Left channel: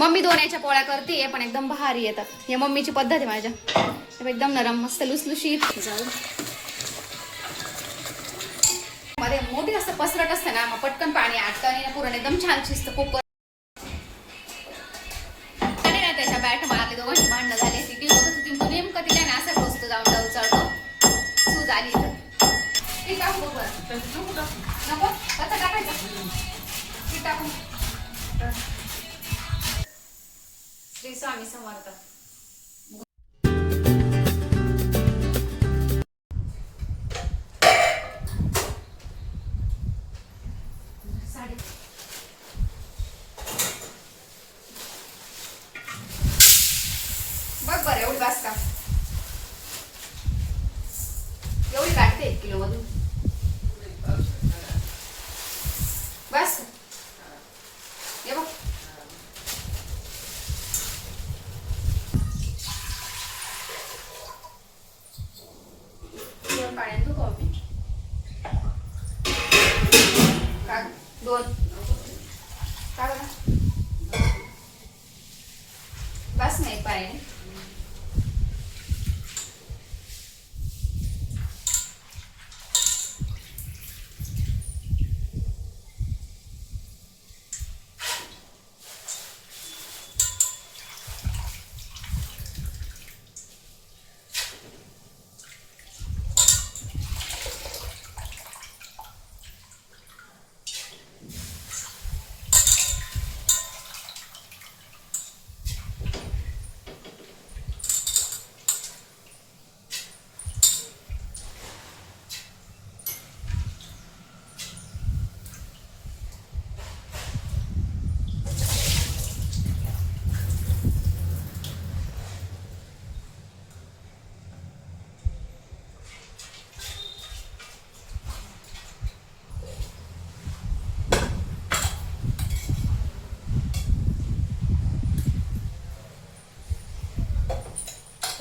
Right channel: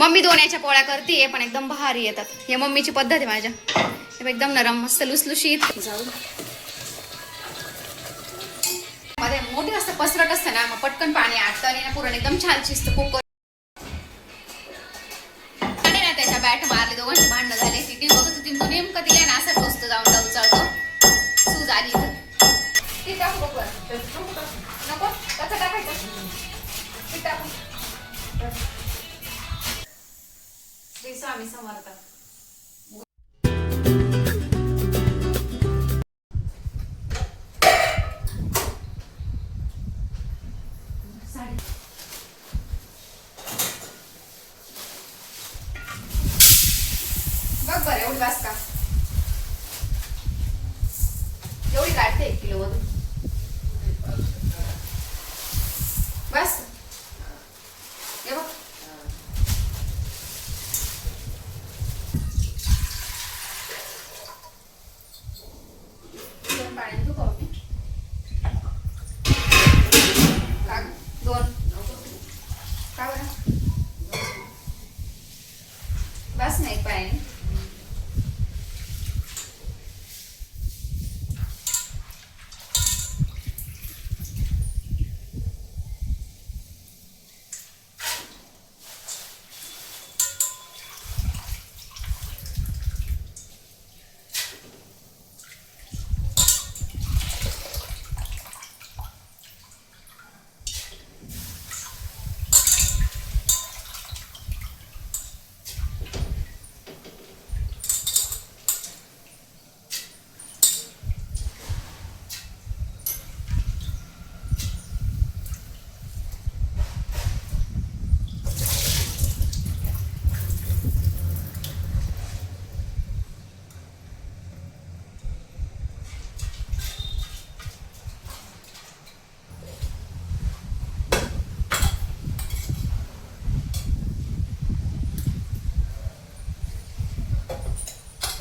Mummy दोन याच्या पोळ्या करते पण एकदम भारी येतात. हे मम्मीची पद्धत आहे माझ्या. एकदम नरम मस्त लुसलुशीत. जाऊ. मध्ये मोठी असतं पसरट असतं ना मग पटकन पाणी आटतं आणि पुरण एकदम छान शिजतं कुकर आणि ना त्याच्या बॅट मारले दोघांची भांडणं झाले ती बघत होती. तू नेमकं तिला ना असं टोचतो जाऊन जाऊन चढतो सूज आली तर ते टाकू बघ बरं. नको कसं टाकायचं. ते टाकू. श्री स्वामी समर्थ.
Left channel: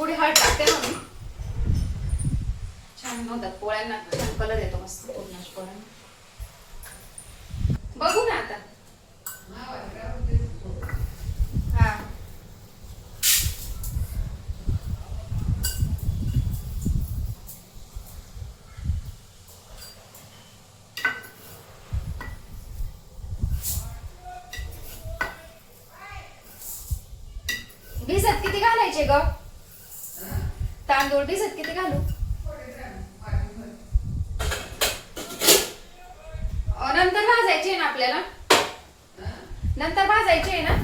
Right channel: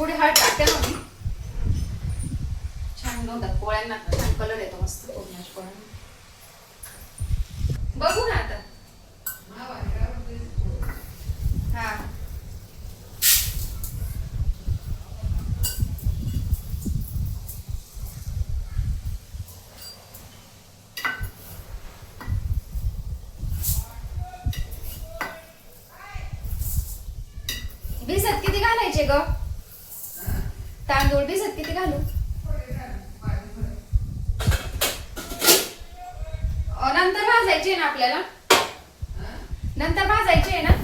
थोडी हळद टाकते ना मी. छान नव्हतात पोळ्यांना छान कलर येतो मस्त पूर्णाच्या पोळ्यांना. बघू ना आता. हा. भिजत किती घालायचे ग? तांदूळ भिजत किती घालू. नंतर भाजायची आहे ना आपल्याला? नंतर भाजायची आहे ना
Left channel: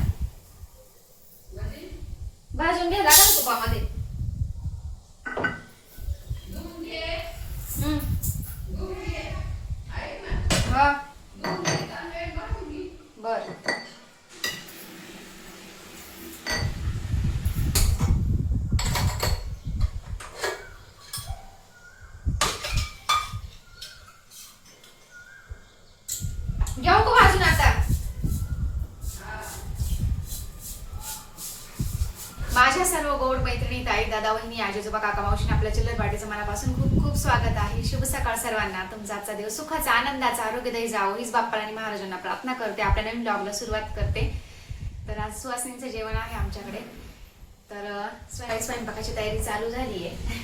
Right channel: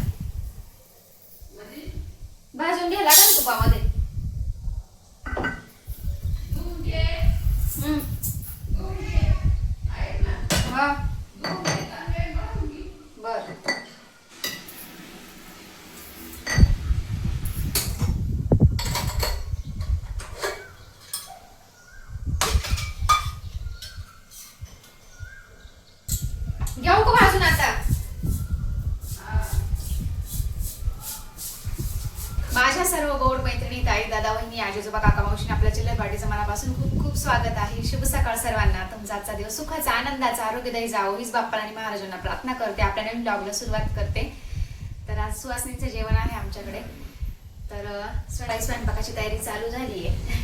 भाजून घ्यायला का तुपामध्ये हम्म. हा. बरं घेऊ का भाजून आता माझ्या सर्व गोड मैत्रिणी ताई मी आजोबा काका मावशी आपल्या जिल्ह्यात वाटेचं मनापासून खूप खूप स्वागत आहे. शुभ सकाळ सर्वांना. तुमचा आजचा दिवस सुखाचा आनंदाचा आरोग्यदायी जावो हीच बाप्पा आणि महाराजांना प्रार्थना करते. आपल्या नवीन ब्लॉगला सुरुवात करते. तर आज सुवासिनीचं जेवण आहे आमच्याकडे. तर स्वयंपाकाची तयारी चालू झाली आहे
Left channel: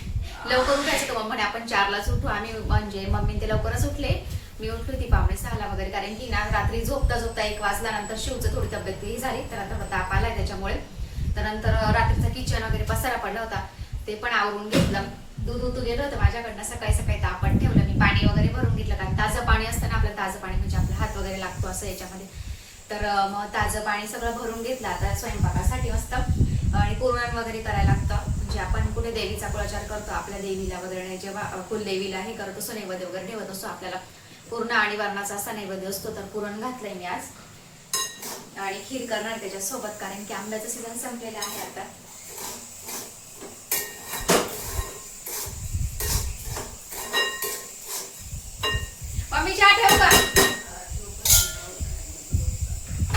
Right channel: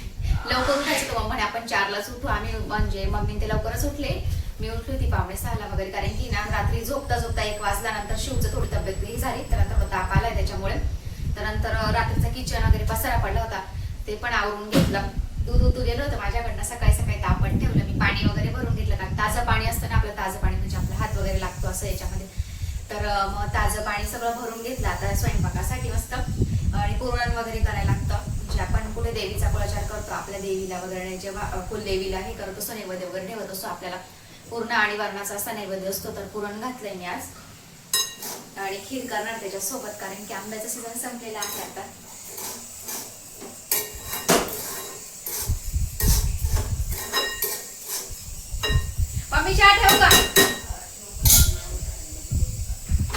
लवकर उठायचं तर म्हणे आपण चारलाच उठू. आम्ही म्हणजे मम्मी ते लवकरच उठले. मी उठली होती पावणे सहाला वगैरे. कारण की ना रात्री झोपता झोपता एक वाजला. नंतर शिवचं थोडी तब्येत ही झाली. तर आता ताप आलाय त्याच्यामुळे. तर नंतर रात्रीचा किचन वगैरे पसारा पडला होता. ते पण आवरून घेतलं. दूध उतू गेलं होतं माझ्याकडनं सकाळी सकाळी तापण ठेवलं. मी पाणी वगैरे भरून घेतलं. कारण ताजं पाणी असतं ना आपलं ताजं पाणी म्हणजे आपला हात वगैरे लागतो असं याच्यामध्ये. तर मग ताजं पाणी सगळं भरून घेतलं. आता स्वयंपाकासाठी मस्त आणि पुरण वगैरे करायला लागतं. म्हणजे आपण कुठे देवीचा कुळाचार करतो आपल्या देवीला वगैरे जेव्हा अं, कुलदेवीला हे करत असतो नैवेद्य वगैरे ठेवत असतो आपल्याला पूर्ण आणि वरणाचा असा नैवेद्य असतो. तर पुरण घातलंय मी आज. आणि खीर करणार त्याच्यासोबत कारण की आंब्याचं सीझन संपलेला आहे आता मम्मी चहा ठेवू का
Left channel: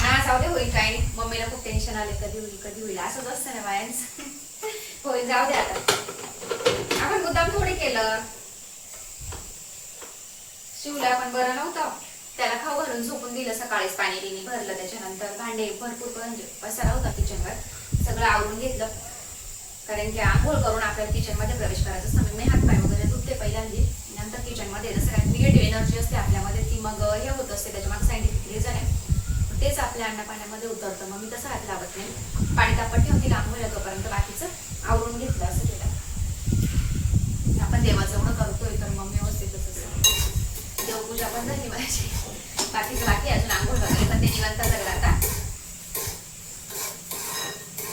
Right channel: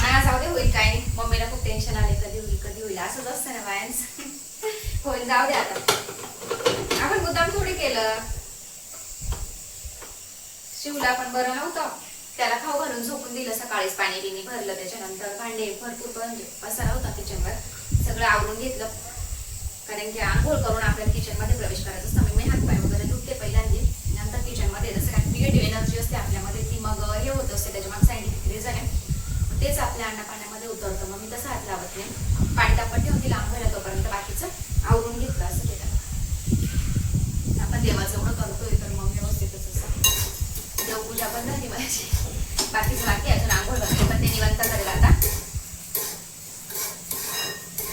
हा जाऊ दे होईल काय नाही. मम्मीला खूप टेन्शन आले कधी होईल कधी होईल. असंच असतं ना बायांच. होईल जाऊ दे आता. आपण मुद्दाम थोडे केलं. शिवला पण बरं नव्हतं. त्याला खाऊ घालून झोपून दिलं सकाळीच पाणी बिणी भरलं त्याच्यानंतर भांडे भरपूर म्हणजे पसारा होता किचनवर सगळं आवरून घेतलं. कारण की आंघोळ करून आपल्याला किचनमध्ये प्रवेश करायचं असतं. मी हात पाय वगैरे दुखते पहिल्यांदी. नंतर किचनमध्ये जसं काही निगेटिव्ह एनर्जी असते आपल्यामध्ये ती मग हे होत असते त्याच्यामध्ये सायंटिफिक रिझन आहे तेच आपल्या अन्न पाण्यामध्ये उतरतं. मग मी तसं हात लावत नाही. पाणी तापत ठेवून तिला आंघोळला तोपर्यंत बाकीचं आवरून घेतलं असं केलं. आपण देवाचं करतोय तर मग व्यवस्थितच असं देवपूजा पण झाली माझी. बाकीचं बाकी अजून आंघोळ वगैरे पण ते निवांत करेल आता.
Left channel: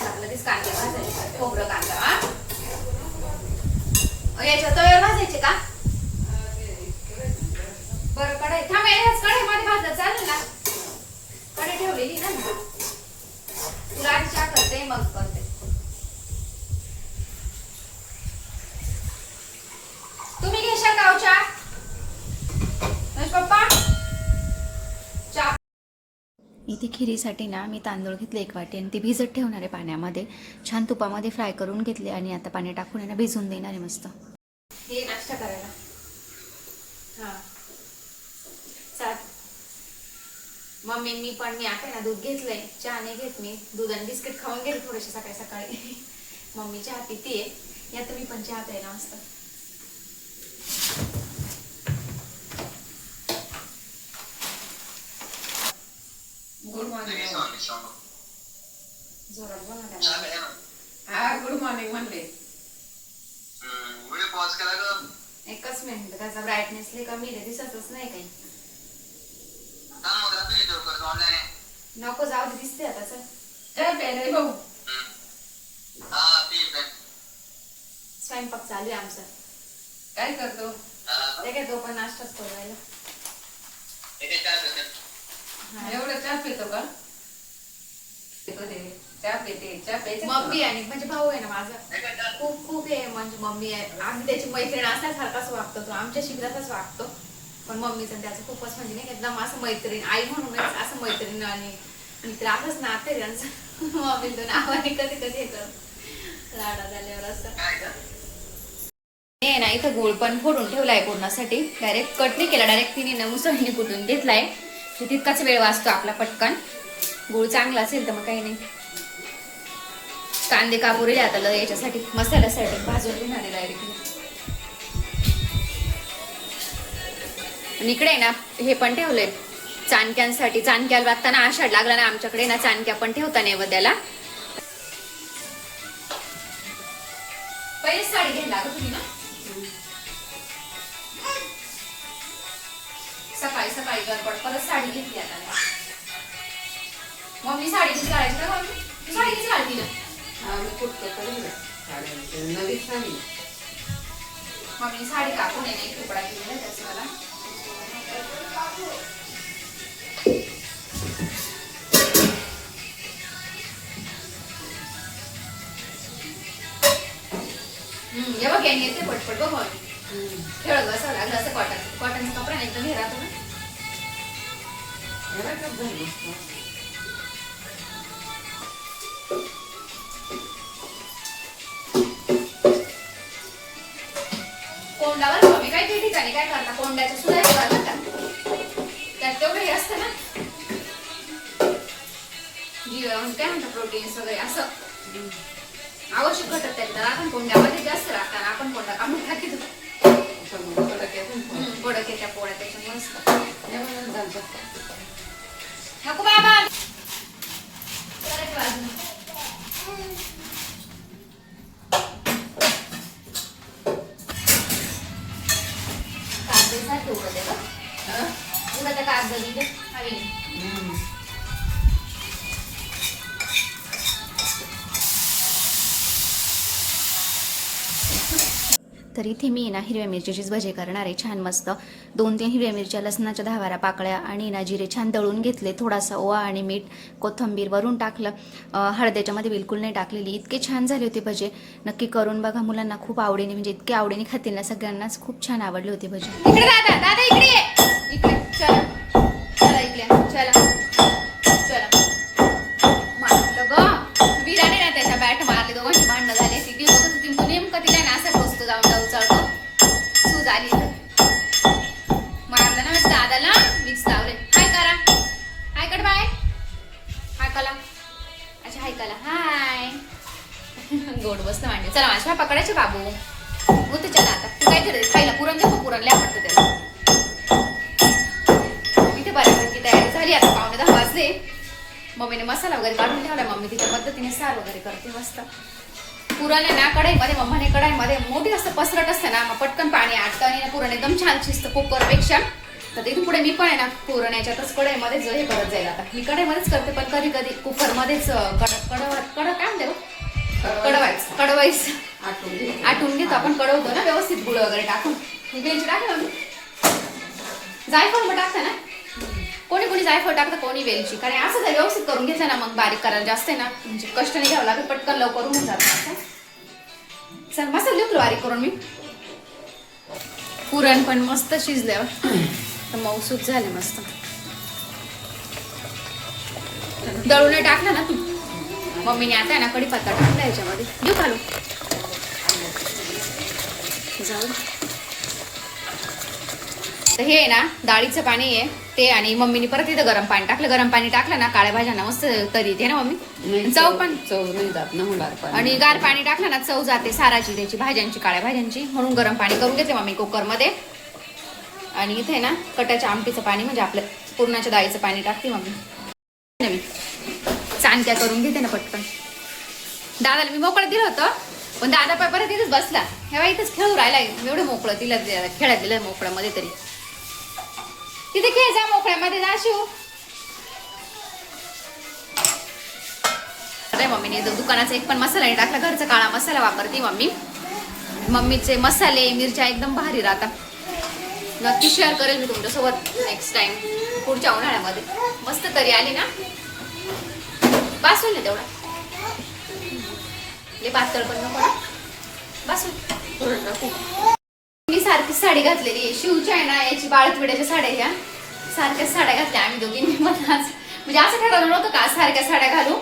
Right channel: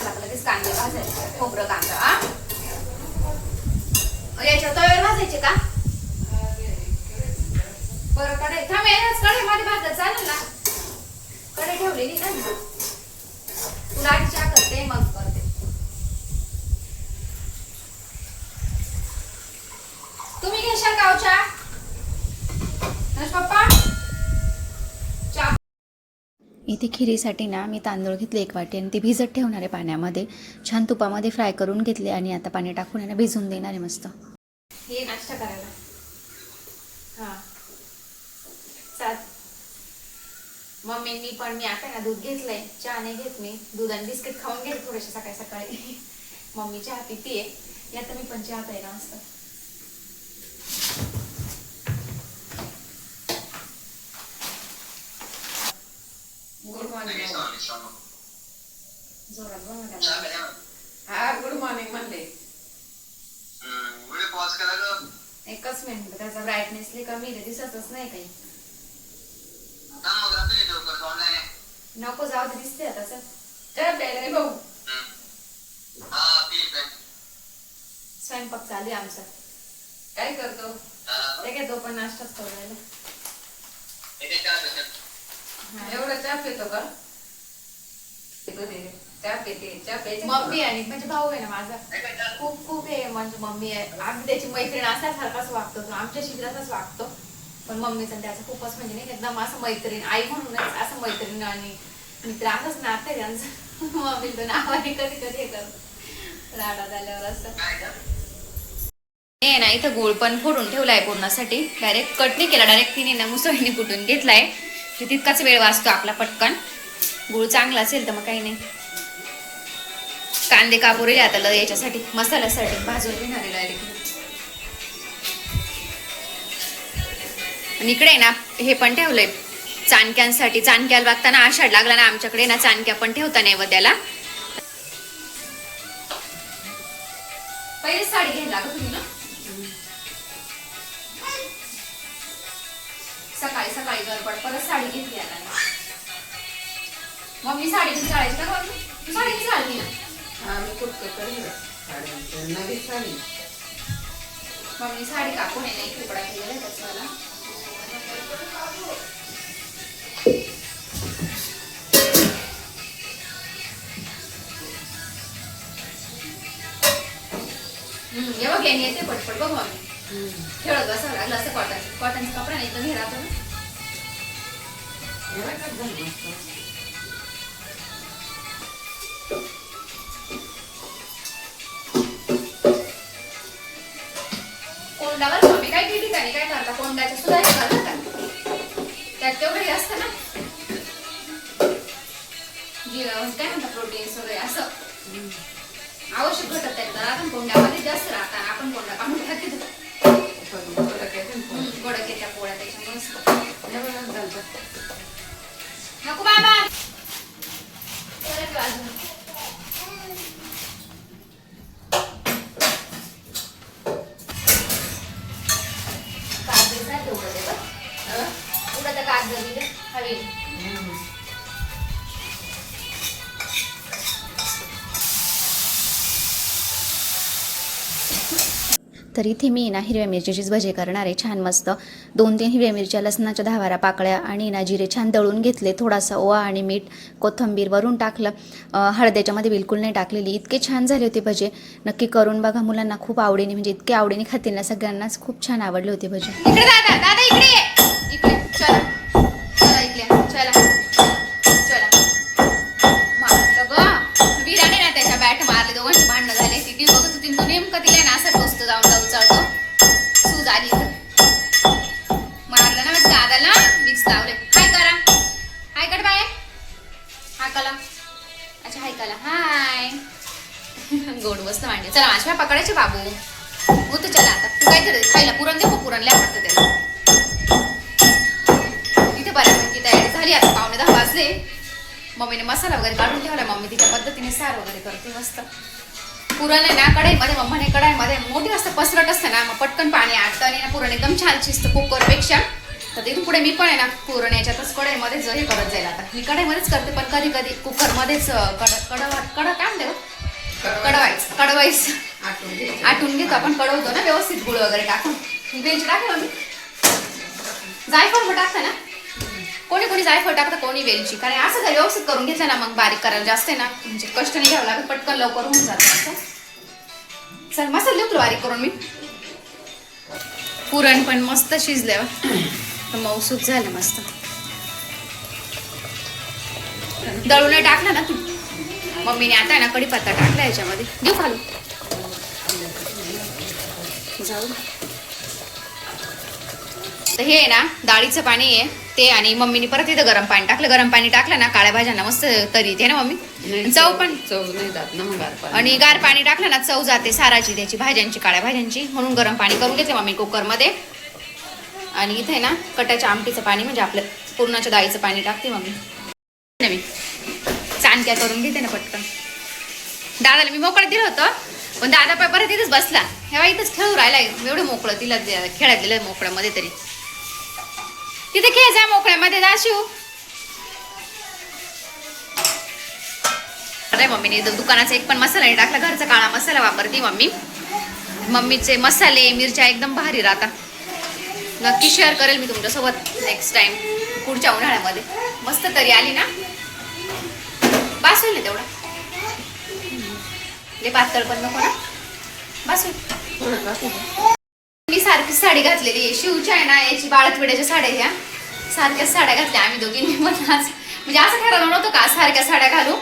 आपलं तेच कांदे भाजायचं खोबरं कांदा. हा अ, भाजायचे का? बरं कढई. थांब याच कढईमध्ये भाजलं. चालेल ना? कढई ठेवलेली ना मी. तुला आधी चहा करते मग करते. तुम्ही घेशाल का हो चहा? पप्पा? इथे खिरीसाठी ना मी तांदूळ घेतले एक वाटी आणि ते भिजत ठेवणार आहे पाण्यामध्ये. छान तुपामध्ये फ्राय करून घेतले आणि आता पाणी टाकून आहे ना भिजून देणार आहे मस्त. हे नाश्ता करायला हा चाल मम्मींनी पण मी आता ना दूध घेतलंय चहा नाही घेत मी दूध आणि बिस्किट खाऊन घेते थोडेसे सकाळी सकाळी. मम्मी चहा पितीये. या तर मी पण चहा प्यायला असतं गुड मॉर्निंग जोरात. हा गुड मॉर्निंग म्हणले. एकच मिनिट त्याचा ब्राईटनेस लई कमी दिसतच नाही काही. थांब मग रात्री व्हिडिओ करतो ऑनलाईन नको जाऊ दे दिसते आता चल. ए बेले भाऊ. हा पी पे. स्वयंपाक चालू आहे आमचा. काय करतो? ते काय तो पण नाश्ताच करू राहिला. इथे चहा पेते. हा. एवढा चहा पितो का? पितो ते चहा पिते चहा प्यायचा मम्मी आणि म्हणजे भाऊ आहे ना माझा. हे? खूप खूप हे म्हणजे मम्मी आहे. आम्ही त्याची मैत्रीण असाच वागतो तो आमच्या शिकलाच वागतो. पण मम्मीचं त्याचं खूपच म्हणजे नाही एकदम असं मैत्रीण आई म्हणूनच असं मैत्रीण आणि मित्र असंच नाते त्यांचं मम्मी तो नावाने कधी कधी हे करत लाडा झाल्यावर असं. नाही ना इथं गोळ पण फोडून ठेवलाय पूर्णासाठी डायरेक्ट कट नाही केला डायरेक्ट तिने ना मुसळीने कुठून घेतलाय. तितकाच वेळ वाचतो आपला पटकन. गुळ चांगला असेल तर मग काही नाही. कांदे कापूर आता ल- याच्यासाठी मसाल्यासाठी भाजून घेणार आहे डायरेक्ट आणि इकडे आहे ना हे पण ठेवलंय. चाणक्यांसाठी चाणक्याला वागताना आषाढ लागला ना आमच्याकडे ना चाणक्या पण ठेवता नैवेद्याला. पहिले साडी घ्यायला लागत होती ना? सकाळी सकाळी गडबड परत साडी घेतली आता. मी. साडी घेऊन जायची का साडी घेऊन घालती ना मी साडी मम्मी साडी कापून येणे तुकडा केलेला हम्म, हे बघ यांनी येते पटपट बघ खेळत बसावं लागलं असं कॉटन कॉटनचा कपडा नाही एकदम हे राहतो ना. हवी. तर इथे मी ना हिरव्या मिरचीचीच भजी करणार आहे. छान मस्त. दोन तीन हिरव्या मिरच्या लसणाच्या दहावारा पाकळ्या आणि ना जिरे छान दळून घेतले. थोडासा ओवा आणि मीठ कोथिंबीर वरून टाकलं. अं, हळद याच्यामध्ये बिलकुल नाही टाकलेली. इतके छान झाले होते भजे. नक्की करून बघा मुलांना खूप आवडीने म्हणजे इतके आवडीने खातील ना सगळ्यांनाच. खूप छान आवडले होते भजे. इकडे दादा दादा इकडे चला. चला. ग. विराने ना त्याच्या बॅट मारले. दोघांची भांडणं झाले. ती बघत होती. तू नेमकं तिला ना असं बसतो जाऊन जाऊ सूज आली मारलं ना दादाला. विक्स लावले. हाय करा. हाय कट बाय हाय कला. अच्छा हाय कला. हाय. गोड मस्त मांडली. चला माझ्या पकडायचे बाबू. होते चला आता. तू काय तर खायला पुरण दे पुरण लय आवडतं त्याला. तयारी झाली आता पावणे दहा वाजले. मम्मीने मसाला वगैरे काढून ठेवला मम्मी तिच्या पद्धतीने सार वगैरे करते मस्त. पुरण आहे ना कढईमध्ये मम्माने कढाईमध्ये मोठी असतं पसरट असतं ना मग पटकन पाणी आटतं आणि ना पुरण एकदम छान शिजतं कुकरपेक्षा. तर तिथून पुढे मी पण आहे ना पुरण याच्यातच कढईमध्येच हे करत जाईल आता. मी कढईमध्येच करते पण कधी कधी कुकरमध्येच कड कडवा कड काय म्हणते गं? हो. कडवायचं कडवायचं. आटून घेतो आपण कडवतो ना व्यवस्थित गुळ वगैरे टाकून. वेज टाकलं मी. जायफळ मग टाकता ना? कोणी कोणी जायफळ टाकतं कोणी वेलची. कारण असं जर व्यवस्थित करून घेतलं ना मग बारीक करायला जास्त आहे ना म्हणजे कष्ट नाही घ्यावं लागत पटकन लवकर होऊन जातं असं. चल मसाला देऊ बारीक करून मी. पुरण पण मस्त शिजल्यावर तर मऊसूत झालं मस्त. दळून टाकलं ना तू. मम्मीने आता आहे ना कढीपत्ता टाकला याच्यामध्ये. देऊ खालू जाऊ तर हे आहे ना डाळीचं पाणी आहे. ते आणि मम्मीने परत इथं गरम पाणी टाकलं. गरम पाणी टाकलं ना काळ्या भाज्यांना मस्त तरी येते ना मम्मी? चव पण. चव नाही जात ना मग गार पाणी. आणि गार पाणी टाकलं ना चव जाते साराची त्याची भाज्यांची काळ्या भाज्यांची. म्हणून गरम पाणी करून घेतले मम्मी कुकरमध्ये. आणि इथे ना कटाच्या आमटीचं पाणी म्हणजे आपलं पूर्णाच्या डाळीचं पाणी टाकते मम्मी. नवीन चाणक्या करून घेते ना पटकन. दादाला मी मोकळं दिलं होतं पण दादा पाय परत इथेच बसला. हेव्हा इथेच खेळू राहिला एवढं मोकळं तिला दे- खेळायला दिलं मोकळ्यामध्ये तरी. तिथे खेळ जा मोकळ्यामध्ये जाशिव अरे मम्मीने दुकानाचा एक पण मसाला नाही टाकला घरचा काळा मसाला वापरते मम्मी. मम्मीचे मसाले मिरच्या एकदम भारी राहतात. नक्की शेअर करेल मी तुमच्यासोबत नेक्स्ट टाइम पुढच्या उन्हाळ्यामध्ये. मस्त तरी आली ना? बास होईल तेवढा. तेवढं पातळ पण नको ना? बास होईल मी सारखी साडी घातलेली आहे. आहे ना याची बाळतविड्याच्या साड्या ह्या सारख्याच साड्या घातल्या आम्ही दोघींनी पण आज. म्हणजे असं ठरवलं नव्हतं का सारख्या साड्या घालू.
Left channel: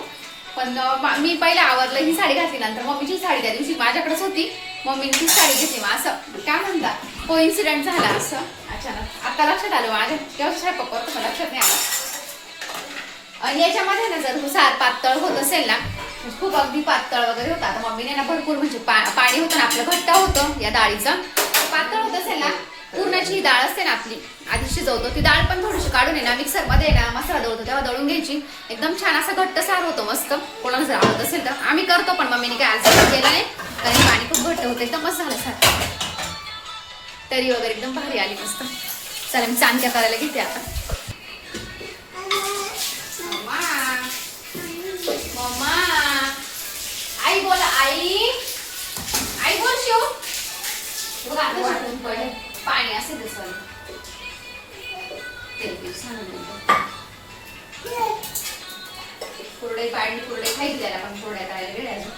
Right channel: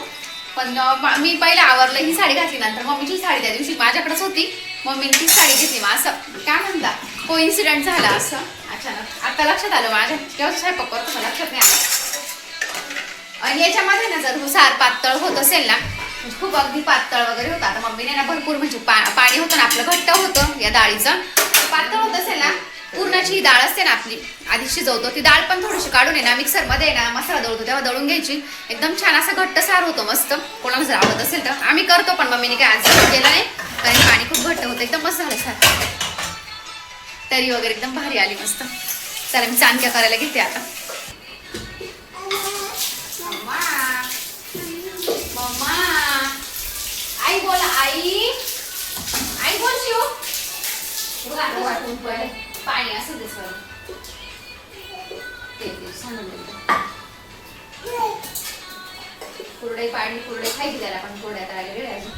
पण मी पहिला आवरलं ही साडी घातली नंतर मम्मीची साडी त्या दिवशी माझ्याकडेच होती. मम्मीने ती साडी घेतली मग असं काय म्हणता? को इन्सिडेंट झाला असं. अचानक. आता लक्षात आलं माझ्या तेव्हा स्वयंपाक करतो लक्षात नाही आलं. आणि याच्यामध्ये ना जर सार पातळ होत असेल ना म्हणजे खूप अगदी पातळ वगैरे होता. आता मम्मीने ना भरपूर म्हणजे पा- पाणी होतं ना आपलं घट्ट होतं या डाळीचं. पातळ होत असेल ना पूर्णाची ही डाळ असते ना आपली आधी शिजवतो ती डाळ पण थोडीशी काढून आहे ना मिक्सरमध्ये ना मसाला दळतो तेव्हा दळून घ्यायची. एकदम छान असा घट्ट सार होतो मस्त. कोणाला जर आवडत असेल तर आम्ही करतो पण मम्मीने काय आज केलं नाही कारण पाणी खूप घट्ट होतं एकदम मस्त झालं सार. तरी वगैरे एकदम भारी आली मस्त. चला मी चांदक्या करायला घेते आता. खायची त्याला पण कुरड्या करायला वेळ आहे अजून.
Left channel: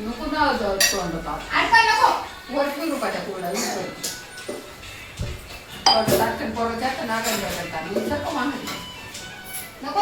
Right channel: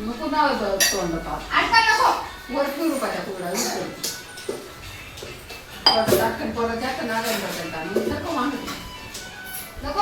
नको ना तोंड पाप. अडकाय नको वरती रुपाच्या कुरडा परत टाकते, परत जातं ना गंज करता. मग नको मागं. नको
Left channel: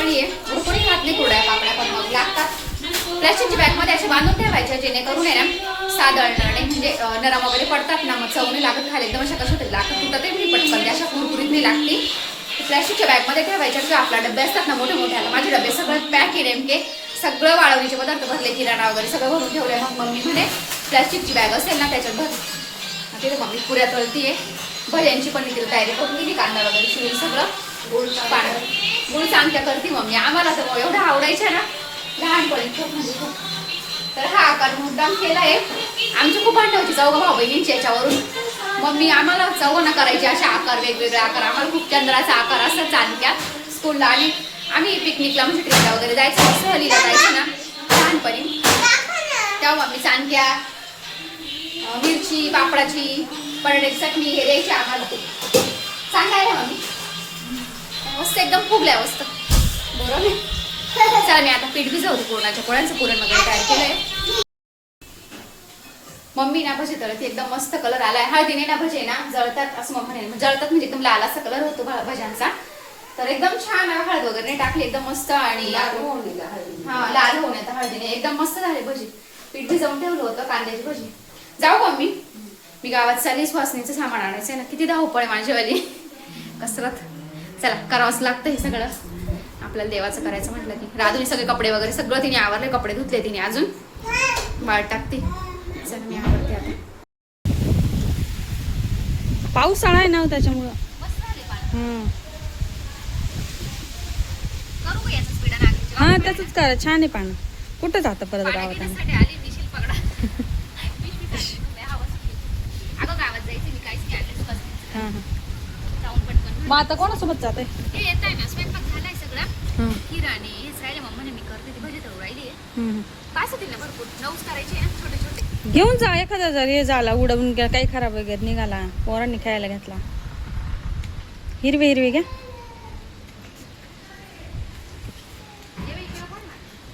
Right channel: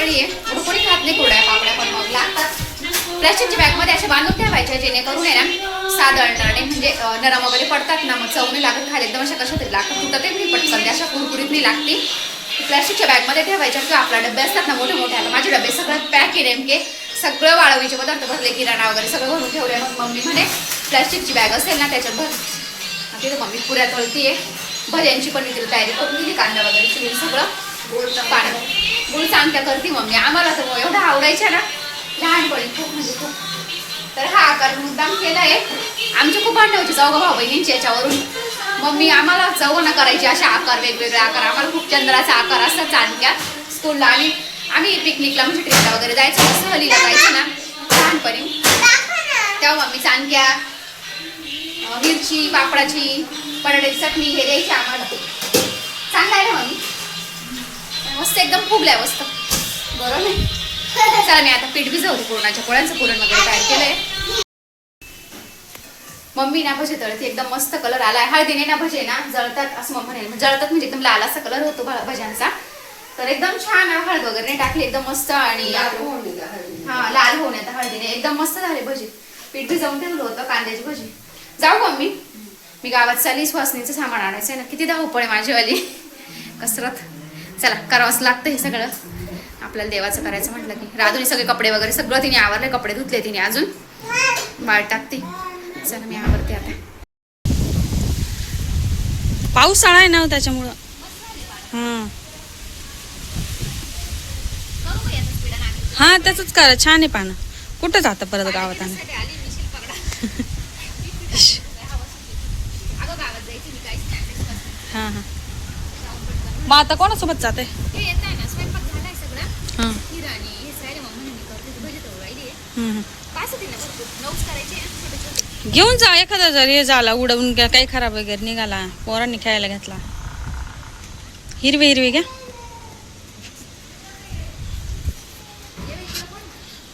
नागलीची आहे थोडं कोणी खात नाही कुरड्या पापड्या पण मग लागतात. प्लॅस्टिकच्या बॅगमध्ये असे बांधून ठेवायच्या जेणेकरून आहे ना सादळणार नाही म्हणजे नरम वगैरे पडतात ना मग चव नाही लागत खाली एकदम अशा कशा तरी लागतात. तुटत नाही पटकन त्या अशा कुरकुरीत नाही लागते. प्लॅस्टिकच्या बॅगमध्ये ठेवायच्या किंवा आपला डबे असतात ना मोठे मोठे आता माझे डबे सगळं पॅक आहे नेमके. सगळं वाळवीचे पदार्थ भरले किराणा वगैरे सगळं भरून ठेवले मग मम्मी म्हणे प्लॅस्टिकची बॅग असेल ना त्याच्यात भर. तिथे मम्मी पुऱ्या तळतीये. भज्यांची पण तिथे तयारी करून दिली कांदा वगैरे चिरून सगळं. पाणी गुळ चांगल्या करते मम्मी आम्हाला तर एवढं आवडायच्या ना. लहानपणी खूप म्हणजे खूप. तर हा आकार मुद्दाम केलाय. आमची खूप भांडण होती चौघा भाऊ बहिणींची याच्यावरून. मम्मी आम्हाला चौघांना करायची असे आकार वेगवेगळे आकार. आम्हाला खूप चंद्राचा आकार असतात चांदक्या स्कूलला आणि आम्ही पिकनिकला म्हणजे ट्रिपला वगैरे जायचं सहलीला जायचं ना. लहानपणी. तेव्हा मम्मी चांदक्या मिरची पापडाची बटाट्याची चटणी हे द्यायची आम्हाला. चांगला आहे ना मम्मी? मस्त एकदम फुगलाय मस्त. बरोबर चला मी आता पीठ भिजवते पुरणाच्या पोळ्यांचं. पुरण वगैरे तयार केलंय. मम्मी ना भजे तळते एकदम मस्त कलर आलाय. हळदीने ना भजे ना जळतात असं मग म्हणेल जळतात म्हणजे एकदम लाल असा कलर होतो भज्यांचा. तर एकदम छान हळद वगैरे नाही टाकली एकदम मस्त आणि. हा लाल होऊन येतं हळदीने. एकदम मस्त झाले भजी. पीठ भिजवून ठेवलं होतं कांद्याची भजी. जाऊ का मी मी गावात चालली स्वासनीचं सामान आणायचं आहे ना. किती धावपळ आहे माझीवाली कसरत. चला करावंच लागतं हे सगळं. आपल्याला देवाचं करायचं म्हटलं की. राधुनी सगळे कपडे वगैरे सगळं तिने आवरले कपडे धुतले तिने अजून. बाळ टाकते. चला मी आवरते आता. पावसाळा आहे ना हो त्याच्यामुळं. हं. हा त्याच करा. छान आहे पानं. कुठं जातं परत गावात आली आले. हा हा. मग आता कोणासोबत जाते? ते येत आहे ना स्वयंपाक झालाय सगळा. हा. खीर आणि हेच राहिले मग म्हणे मी करते ती भजी तळू राहिली आहे. पाच होती ना भरपूर नऊच करायचे आहे ना छोटे छोटे घेऊन जा एखादा जर हे झाला उडवून घ्या काही खराब वगैरे निघाला पोरांनी खेळायला घेतला. हिरवे हिरवे घ्या.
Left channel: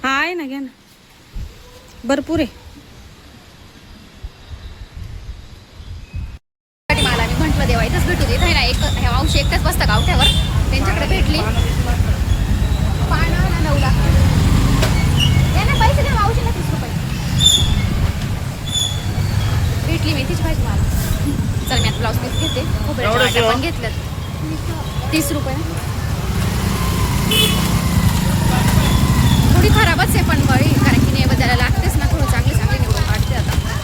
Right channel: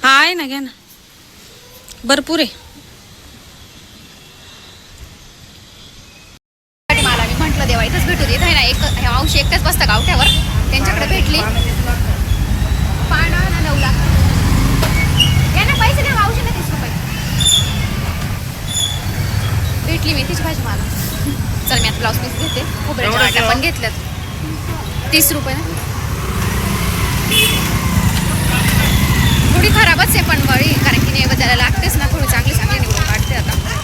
हा आहे ना घ्या ना. भरपूर आहे साठी मला मी म्हटलं देवा इथंच भेटू दे इथं आहे ना एक ह्या बसता गावठ्यावर त्यांच्याकडे भेटली. पानं ना नऊ लाख या ना पैसे द्या मावशी ना तीस रुपये. भेटली मेथीची भाजी मला. चल मी आता ब्लाऊज पीस घेते. खोबऱ्याच्या वाट्या पण घेतल्यात. तीस रुपये. ना थोडी खराबच आहे पण बळी कारण की नैवेद्याला लागतेच ना थोडी चांगली चांगली निवडून काढते आता.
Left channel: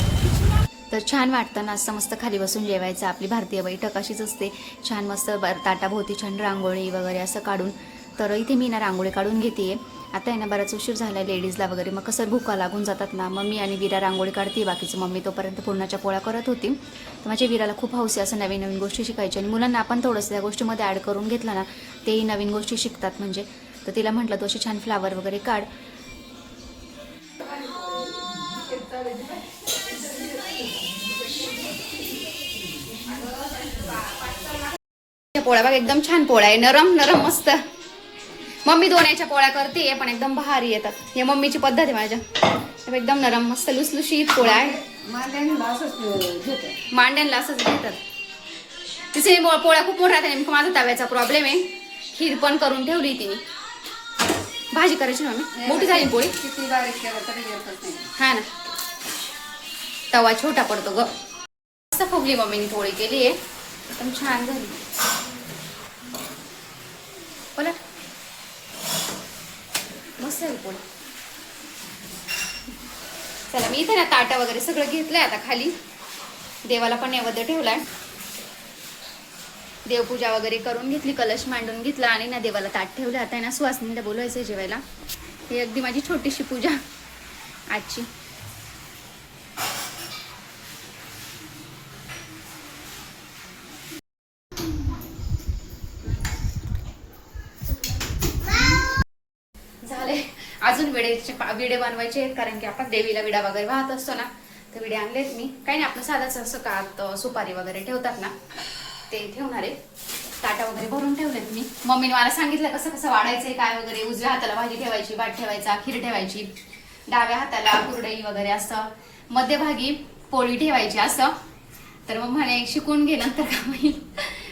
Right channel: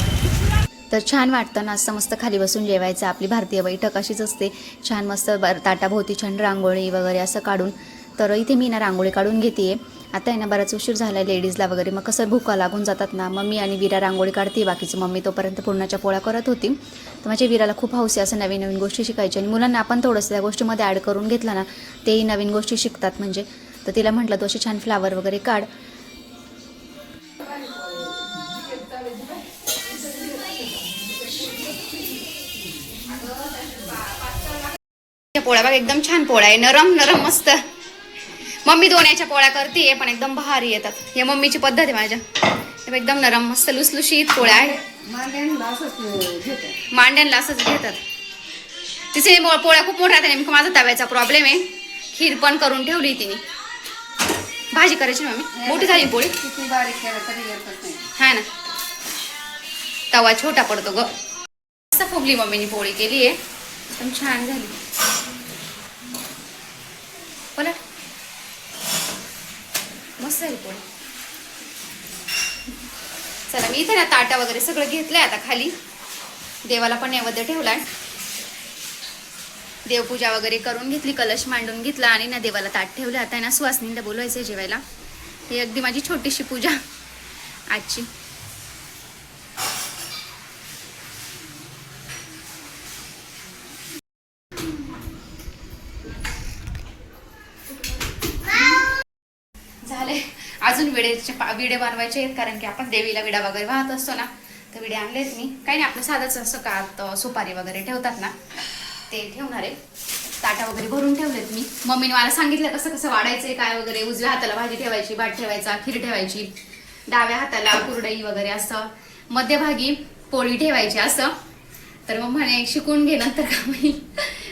तर छान वाटतं ना असं मस्त खाली बसून जेवायचं. आपली भारतीय बैठक अशीच असते. छान मस्त बर ताटाभोवती छान रांगोळी वगैरे असं काढून. तर इथे मी ना रांगोळी काढून घेते. आता आहे ना बराच उशीर झाला आहे लेडीजला वगैरे. मग कसं भुका लागून जातात ना मम्मी आणि विरा रांगोळी काढते. बाकीची मम्मी तोपर्यंत पूर्णाच्या पोळ्या करत होती. तर माझ्या विराला खूप हौस आहे असं नवीन नवीन गोष्टी शिकायच्या आणि मुलांना आपण थोडंसं त्या गोष्टीमध्ये ॲड करून घेतलं ना तेही नवीन गोष्टी शिकतात. म्हणजे तर तिला म्हटलं तू असे छान फ्लावर वगैरे काढ. पोळ्या बघ एकदम छान पोळ्या आहे. नरम नरम मस्त. मम्मी दोन याच्या पोळ्या करते पण एकदम भारी येतात. हे मम्मीची पद्धत आहे माझ्या. एकदम नरम मस्त लुसलुशीत पोळ्या आहे. मांड्यांना असंच घेतात. तिचे पोळ्या खूप मोठ्या नेमकं माझा तव्याचा प्रॉब्लेम आहे. खीर पण करून ठेवली तिने. भाजी करायची मम्मी? मोठी झाली पोळी? हा ना. तवा छोटा पडतो ग. मस्त फुगली मम्मीने पोळी केली आहे एकदम छान झाली. पलट मस्त झाली पोळी चला मी इथे ना ताटा वगैरे सगळं घेतलंय आता खाली. देवाला पण नैवेद्य ठेवलाय. देवपूजा वगैरे करून घेतली कलश मांडून घेतला आणि ना देवाला ताट ठेवलं. आता आहे ना सुवासनीला बोलवायचं जेवायला. ही अगदी माझी छोटीशी पूजा. आजची झाले विडेचे विडे बनवायचे आहेत कारण की आपण देवीला विडा वगैरे वाहत असतो ना तर विडे आणलेत मी. काही नाही आपलं साधाच असं का सुपारी वगैरे ठेवतात ना ते ठेवणार आहे. ताटा वगैरे भरून ठेवलेत मी. मम्मीने मला सांगितलं कसं कसं वाढायचं काय वगैरे उजव्या हाताला भाजी ठेवायची भात ठेवायचा खीर ठेवायची डाव्या हाताला कुरडई वगैरे असं मध्यभागी पोळी ठेवायची असं. तर मग म्हणे शिकून घे नंतर का होईल?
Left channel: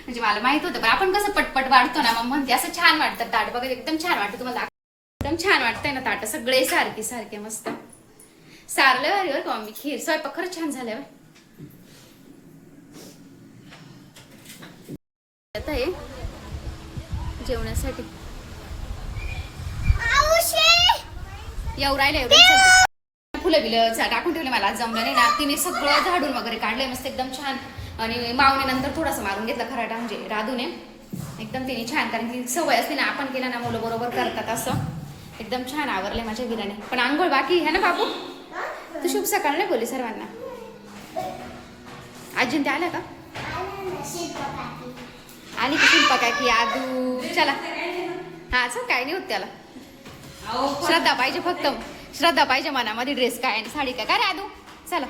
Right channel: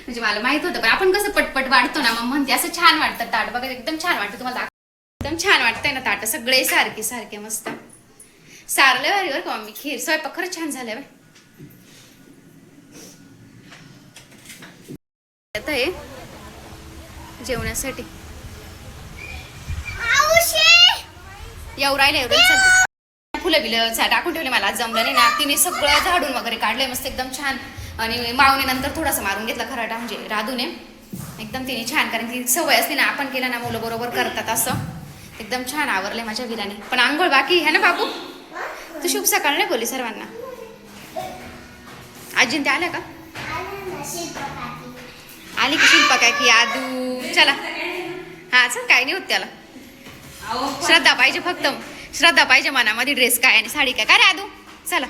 म्हणजे मला माहीत होतं पण आपण कसं पटपट वाढतो ना मग म्हणते असं छान वाटतं ताट बघा एकदम छान वाटतं तुम्हाला एकदम छान वाटतंय ना ताट सगळे सारखे सारखे मस्त. सारलं भारी बरं का मम्मी? खीर स्वयंपाक खरंच छान झालंय बाय आता हे जेवण्यासाठी. राहिलं एवढं चालतं. फुलं बिलं टाकून ठेवले मला जमलं नाही ना. तिने सगळं झाडून वगैरे काढलंय मस्त एकदम छान. आणि मावने नंतर थोडासा मारून घेतला खराटा म्हणजे राधूने. एकदम तिने छान कारण की सवय असली ना आपण केलं ना मुलं बरोबर करतात असं. एकदम छान आवरले माझ्या विराने. पण आंघोळ बाकी आहे ना बाबू तू शुभ सकाळ नाही बोलली सर्वांना? आजीन ते आल्या का? आली की शिल्पा काय की आदू. चला. हा चल काय नाही होत त्याला. श्रद्धा पाहिजे फक्त. श्रद्धा पाहिजे मनामध्ये ड्रेस काय आणि साडी काय. काय रे आदू? चला.